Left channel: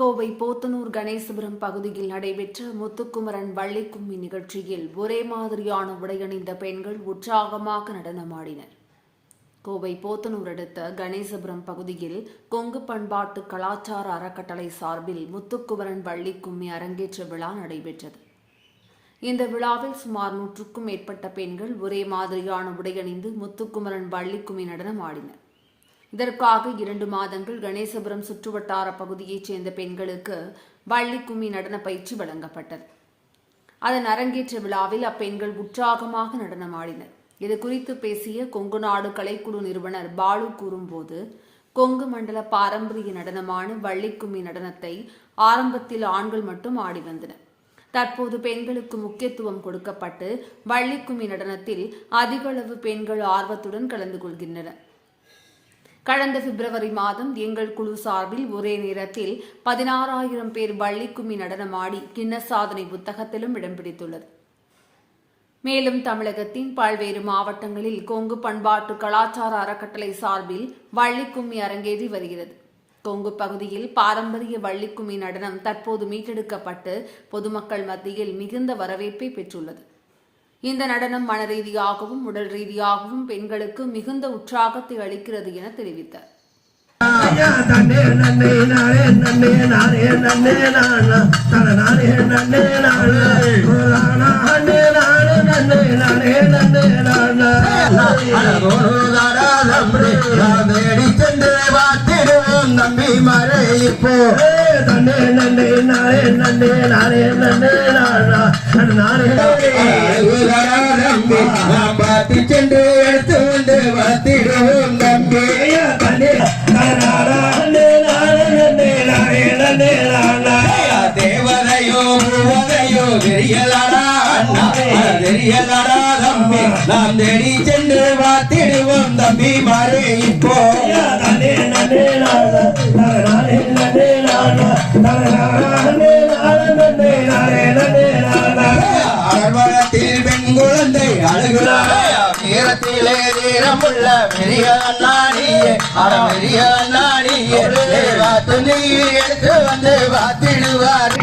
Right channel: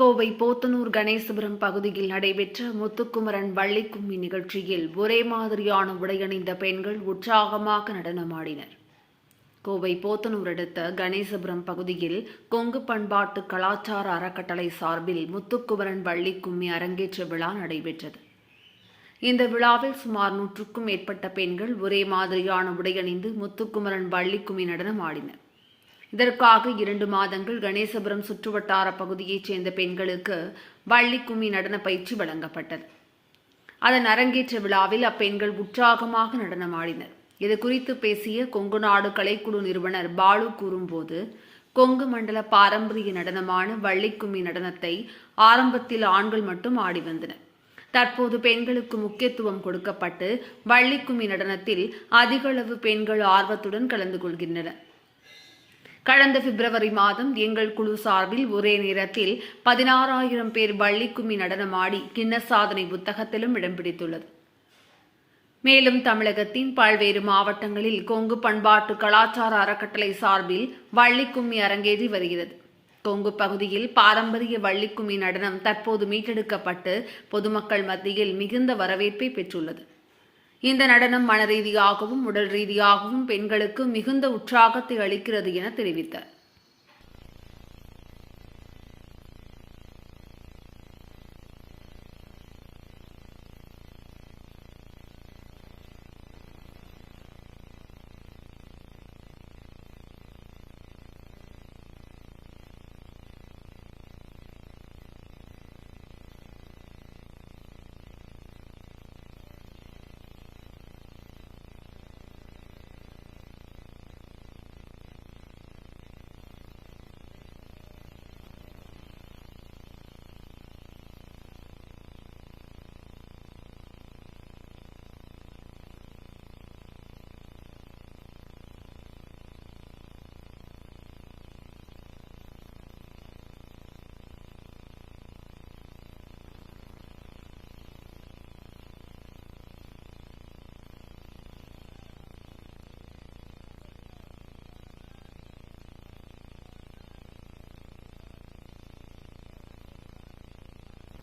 கோவை போத்தனூர் கணேசபுரம் பகுதியில் நடைபெற்ற முத்துக்குமரன் வள்ளிக்கும்மி நிகழ்ச்சியில் ஒரே மாதிரியான உடையணிந்த பெண்கள் உற்சாகமாக நடனமாடினர். கோவை போத்தனூர் அடுத்த கணேசபுரம் பகுதியில் கொங்கு பண்பாட்டு கலாச்சார அறக்கட்டளை சார்பில் முத்துக்குமரன் வள்ளிக்கும்மி அரங்கேற்ற விழா நடைபெற்றது. இந்த விழாவில் சுமார் 100க்கும் மேற்பட்ட பெண்கள் ஒரே மாதிரியான உடையணிந்து முத்துக்குமரன் வள்ளிக்கும்மி நடனம் ஆடினர். இதற்காக 2 மாதங்கள் கணேசபுரம் சுற்றுவட்டார பகுதியைச் சேர்ந்த பெண்களுக்கு வள்ளிக்கும்மி நடன பயிற்சி வழங்கப்பட்டது. அதன் அரங்கேற்ற விழாவில் அப்பெண்கள் உற்சாகமாக நடனமாடினர். இது குறித்து பேசிய கொங்கு நாடு கலைக்குழு நிறுவனர் பாலு கூறும்போது, கொங்கு மண்டல பாரம்பரிய நடனமான வள்ளிக்கும்மி நடனத்தை ஆரம்பத்தில் ஆண்கள் மட்டும் ஆடி வந்தனர். தற்போது பெண்களுக்கு முக்கியத்துவம் கொடுக்கப்பட்டு வள்ளிக்கும்மி நடனத்தில் அதிகளவு பெண்கள் ஆர்வத்துடன் கலந்து கொள்கின்றனர். கடந்த பிப்ரவரி மாதம் எங்கள் குழு சார்பில் ஒரே நேரத்தில் 16,000 பேர் வள்ளிக்கும்மி நடனமாடி கின்னஸ் சாதனை புத்தகத்திலும் இடம் பிடித்துள்ளது. மேலும் தமிழகத்தின் பல்வேறு மாவட்டங்களில் கொங்கு பண்பாட்டு கலாச்சார அறக்கட்டளை சார்பில் வள்ளிக்கும்மி அரங்கேறி வருகிறது. கொங்கு பகுதியில் பாரம்பரிய வள்ளிக்கும்மி நடனம் தற்போது மீட்டெடுக்கப்பட்டு பொதுமக்கள் மத்தியில் மிகுந்த வரவேற்பை பெற்றுள்ளது. இந்த நடனம் மன ரீதியாகவும் உடல் ரீதியாகவும் பெண்களுக்கு மிகுந்த உற்சாகத்தை அளிக்கிறது என தெரிவித்தார். நம்பி மறை இப்போ தன்னே நன்னே நானே நன்னே நானே நன்னே நானே நாம் பார்த்து சென்று எடுத்து வந்து வாத்திடுவோம் நம்பி தன்னே தேவதையோ பூவதையோ தெரியலடா தெரியலடா தம்பி நாம் தேடி சென்று வாத்திடுவோம் தம்பி மறை இப்போ அரவணத்தில் பெண் குழந்தை அழுகிறார் நேரத்திலே நேரமுள்ள பெரிய அண்ணாடியே பெரிய அண்ணாடியே துணி எடுத்து வந்து வாத்திடுவார்.